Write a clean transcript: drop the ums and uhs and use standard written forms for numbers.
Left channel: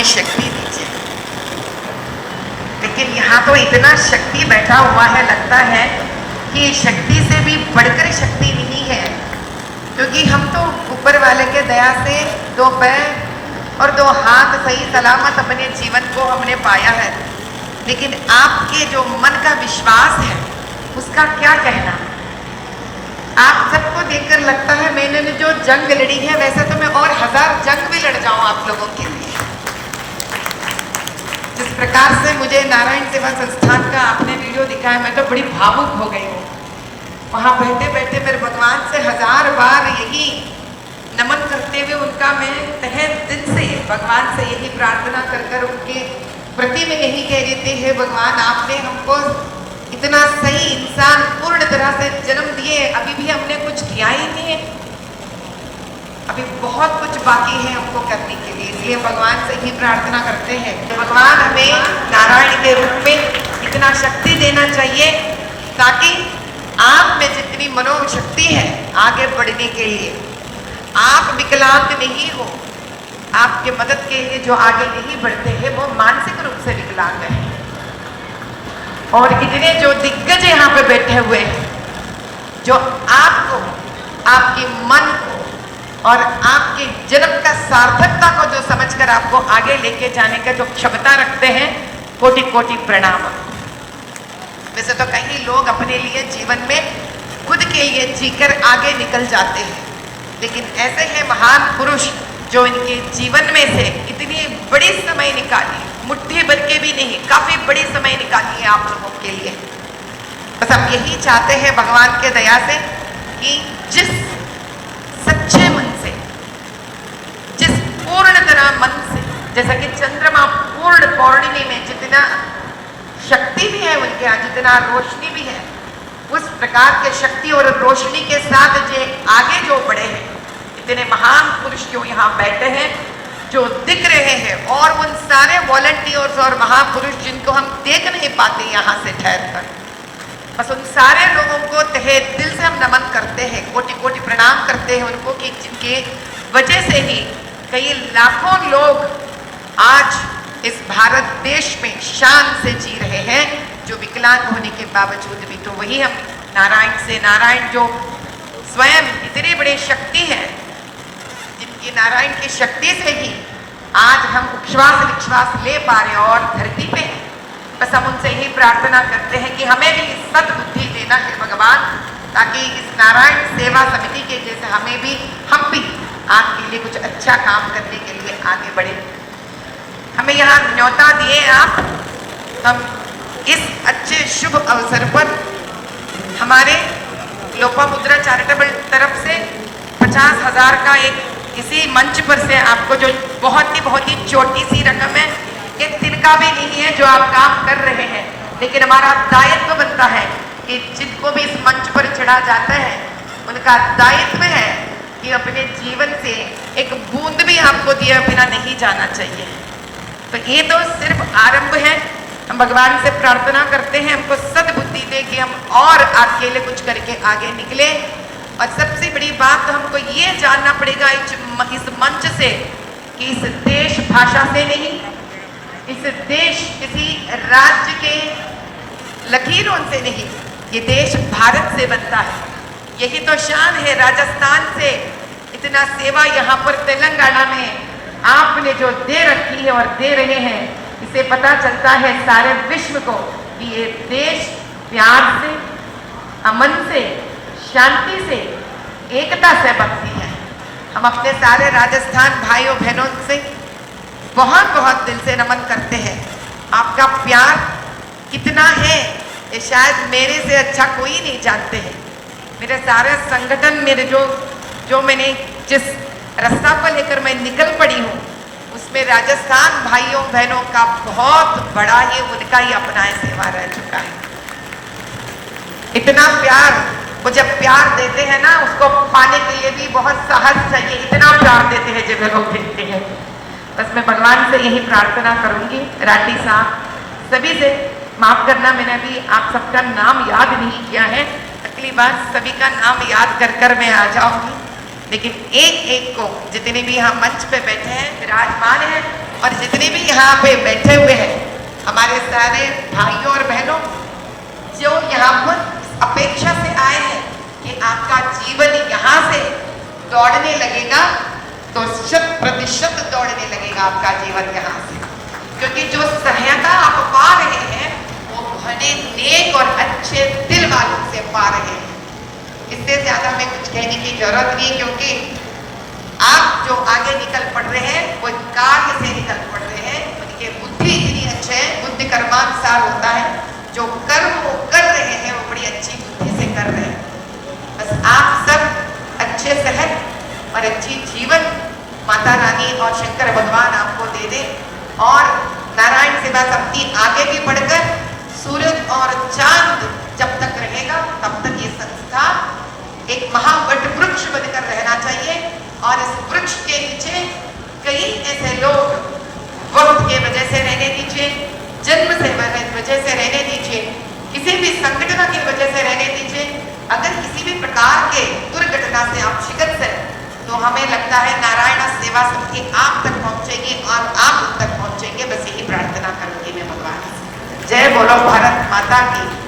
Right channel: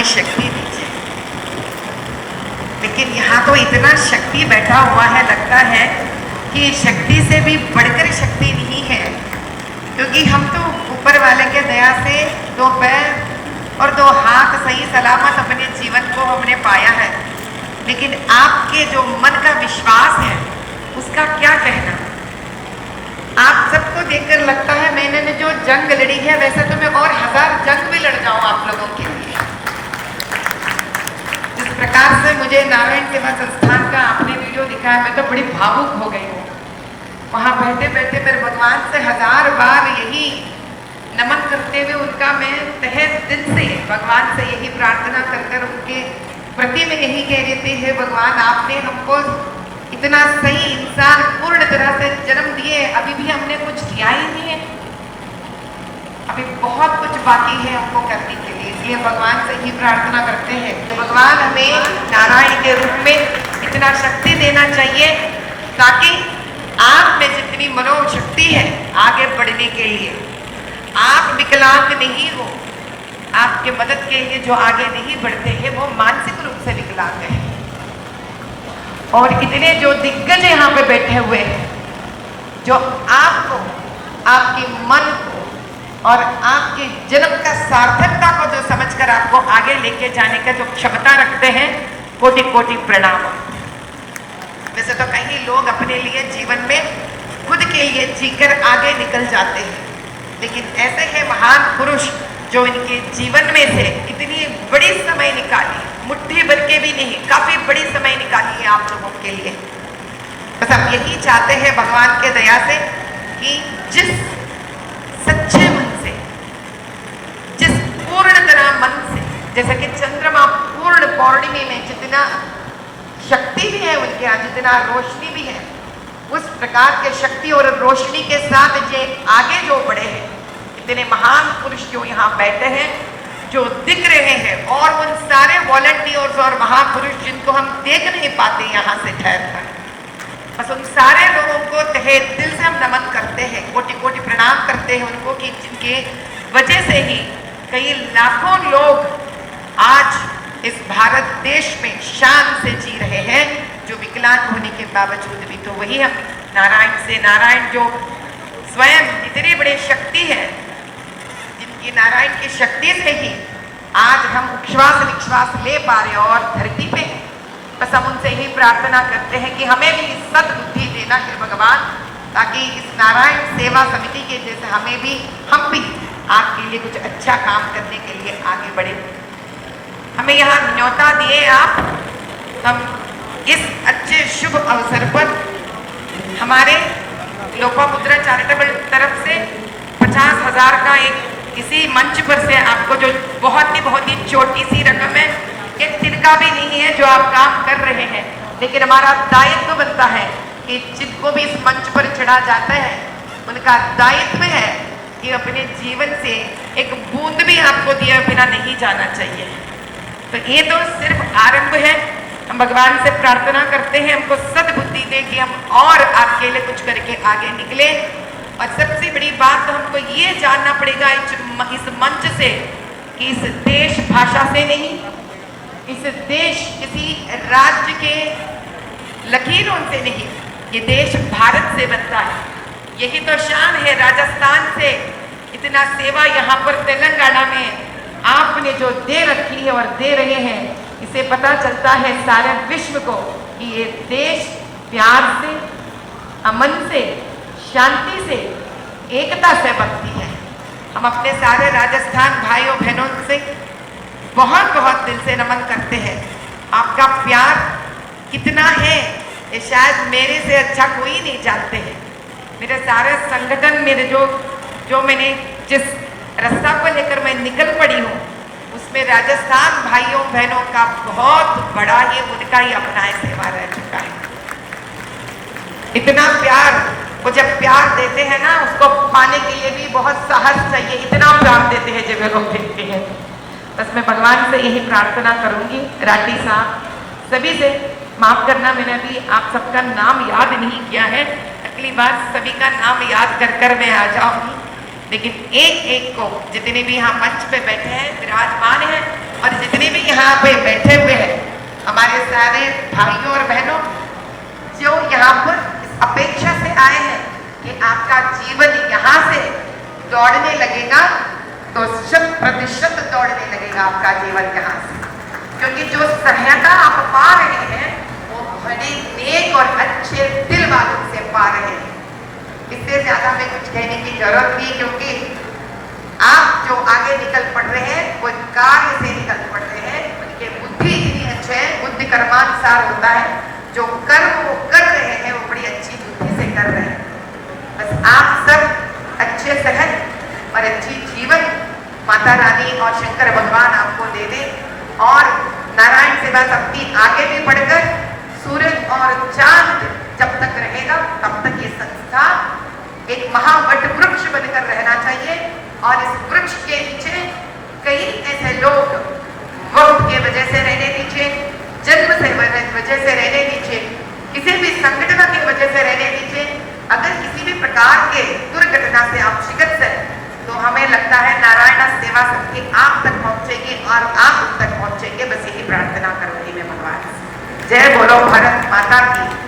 हमें शक्ति दी जाए। लेकिन यहाँ तो इतना शक्ति बैठा हुआ है, लगता है कि शक्ति से भी बढ़कर शक्ति नहीं है, क्योंकि हम तो ऊपर वाले के दया से 2 पैर और 2 हाथ सही सलामत अपने जीवन को हमने पाया है। लेकिन आपके जो मन का विश्वास है उसका क्या कहना। आप सबको देखकर लगता है मैंने जो जंग लड़ी है, वैसे तो मैं और 1000 जंग भी लड़ जाऊं आप लोगों के लिए। जिस प्रकार से मुझे नारायण सेवा संस्थान का आपने वीडियो दिखाया, मैं तो बड़ी भावुक हो गई। वहां बैठे बैठे मेरे भगवान से 1000 बार यही नमन करते हुए उनका मैं तहे दिल से भगवान से यही प्रार्थना कर उनके प्रति में यही कह देते हैं, भगवान आपने हमको इतना सही इंसान पूर्ण तरह से जन्म दिए, अभी भी हमने कुछ किया ही नहीं है, अभी बहुत कुछ बाकी है हमको करने के लिए। इसलिए भगवान से ही प्रार्थना करते हैं तो भगवान हमें नारायण के रूप में इतना शक्ति देना चाहिए ताकि आप में जितनी मनोशक्ति है आगे बढ़ने के लिए, आप विकलांग नहीं हो। आपके मदद के लिए जो आगे नहीं बढ़ते हैं वो मानसिक रूप से विकलांग है। और इतने जो दिग्गज यहाँ पे बैठे हुए हैं, जो आपको, आपके मन को और आपके जन्म का सार्थकता को जो समझकर आपको आगे लेके जाने का जो क्षमता रखते हैं, कोटि कोटि प्रणाम। वैसे तो कई लोग अपने लिए जीवन में खुद के लिए जीकर आगे निकल जाते हैं, लेकिन ऐसे हैं महान पुरुष जो इनके जीवन में से इतनी बड़ी समय निकाली, मुट्ठी भर के भी नहीं, काफी बड़ी समय निकाली है आप लोगों के लिए। बस हम यही चाहते हैं भगवान के दया से कि जिस सच्चे मन से, जिस पूर्ण तरह मन से, जैसा कि चंद्रमा पूर्ण पौर्णिमा में जितना शक्ति भी है उनके यहाँ, जितना रोशनी भी है, उस प्रकार के शक्ति और रोशनी के साथ जो आगे जो बढ़े हैं, इतने महान पुरुष क्यों यहाँ बैठे हैं जो दिख रहे हैं, और उन सारे वॉलंटियर्स और महापुरुष जिनको हम देख नहीं पाते यहाँ से ठहर कर, बस उन सारे लोगों को तहे दिल से हम नमन करते हैं, कोटि कोटि प्रणाम करते हैं उनको कि जिनके वजह से ही कई लाखों लोग आज इस भारत देश में शान से जी रहे हैं, जो विकलांग होने के बावजूद भी। तो वही हम नारायण से, नारायण जो स्वयं इतनी बड़ी शक्ति है, जिनकी नारायण की शक्ति से ही आज हम उच्छ्वास निश्वास ले पा रहे हैं और धरती पे, बस हम उनसे ही प्रार्थना करते हैं कि हमें भी सद्बुद्धि देना है भगवान, ताकि इस नारायण सेवा समिति के जैसे हम भी आपके लिए कुछ अच्छा काम करने के लिए आगे बढ़े। हमें यहाँ न्योता दिए आप, हम इस अच्छे शुभ अवसर पर हमारे लोपामुद्रा चैरिटेबल तरफ से 50,000 का एक इसी मंच पर से आपको जो बहुत ही छोटी सी रकम है, ये तिनका भी नहीं है जो आप काम कर रहे हैं, लेकिन हमारा दायित्व बनता है कि जिनको भी इस मंच पर चढ़ा जाता है उनका दायित्व है कि अपने जीवन से एक बूंद भी आपको दिए बिना नहीं जाना चाहिए। तो ये तो सिर्फ आरंभ है। हम भगवान से प्रार्थना करते हैं हमको सद्बुद्धि दे कि हम और आपके लिए कुछ करके आगे निकले। और सबसे बड़ी बात तो हमको ये जानना पड़ेगा इस मंच से कि इस देश भाषा से नहीं, इस देश किसी राज्य के लकीरों से नहीं, ये देश भारत से बनता है। यही तो शान है राजस्थान से इतना सेवा यहाँ पर तेलंगाना में आपने जो दे रखी है और दे रहे हैं, इसे पता चलता है सारे विश्व को कि ये देश प्यार से, अमन से, शांति से, एकता से भक्ति है। हम अपने सारे राजस्थान भाइयों बहनों से बहुत बहुत दिल से नमन करते हैं। आपका प्यार कितना है ये शायद मेरे से अच्छा कोई नहीं जानते हैं। मेरे सारे संगठन, मेरे जो मैंने जिस रास्ता को लेकर मैं निकल पड़ी हूँ, उसमें राजस्थान भाइयों बहनों का बहुत बड़ा ही उनका ही अपना सेवा रह चुका है। इतना प्यार, वो जब प्यार देते हैं ना, उसको पाने के लिए भी बहुत साहस चाहिए, इतना प्यार देते हैं जब लोग देखते हैं। बस मैं भगवान से यही प्रार्थना करूंगी, राठी साहब सभी से माफ करना, मैंने अभी आप सबका नाम याद नहीं किया है, अगली बार सभी का नाम याद कर मैं आ जाऊंगी। लेकिन एक एक को, जितने भी यहाँ मंच पे बैठे हैं, विराजमान हैं, और जितने भी यहाँ पे बैठे हुए हैं हमारे सारे भाइयों और बहनों जो यहाँ पर इस अपेक्षा से आए हैं कि आपका जीवन यहाँ से दौड़ने लगेगा, तो 100% दौड़ने लगेगा आपका जीवन यहाँ से, क्योंकि जो सहायता आप पा रहे हैं वो भले नेक और अच्छे दिल वालों से पा रहे हैं। इससे ज्यादा में कुछ कहने की जरूरत नहीं, क्योंकि आप जो आगे निकल पड़ रहे हैं वो कार्य से निकल पड़ रहे हैं, उनके बुद्धि इतनी अच्छे है, बुद्धि कर्मानुसार होता है, जो कर्म वो कर रहे हैं वो बड़ी अच्छी बुद्धि से कर रहे हैं। बस आप सब अच्छे सेहत और अच्छी जीवन माता रानी और शंकर भगवान आपको दे दे, और नारायण सेवा समिति आगे भी बढ़कर सूरज और चांद जब तक रहेगा तब तक ये संस्था एक महावट वृक्ष बनकर रहना चाहिए। और इस वृक्ष के नीचे कई ऐसे लोग वक्त के वजह से रहने दीजिए, जन्म से वजह से रहने दीजिए, किसी भी संगठन की वजह से रहने दीजिए। अगर किसी भी प्रकार के दुर्घटना से आप शिकस्त है तो हमें लगता है नारायण सेवा समिति आप तक पहुंचेगी और आप उन तक पहुंचेंगे। बस यही प्रार्थना करूंगी मैं भगवान से। जय बोलो भारत माता की।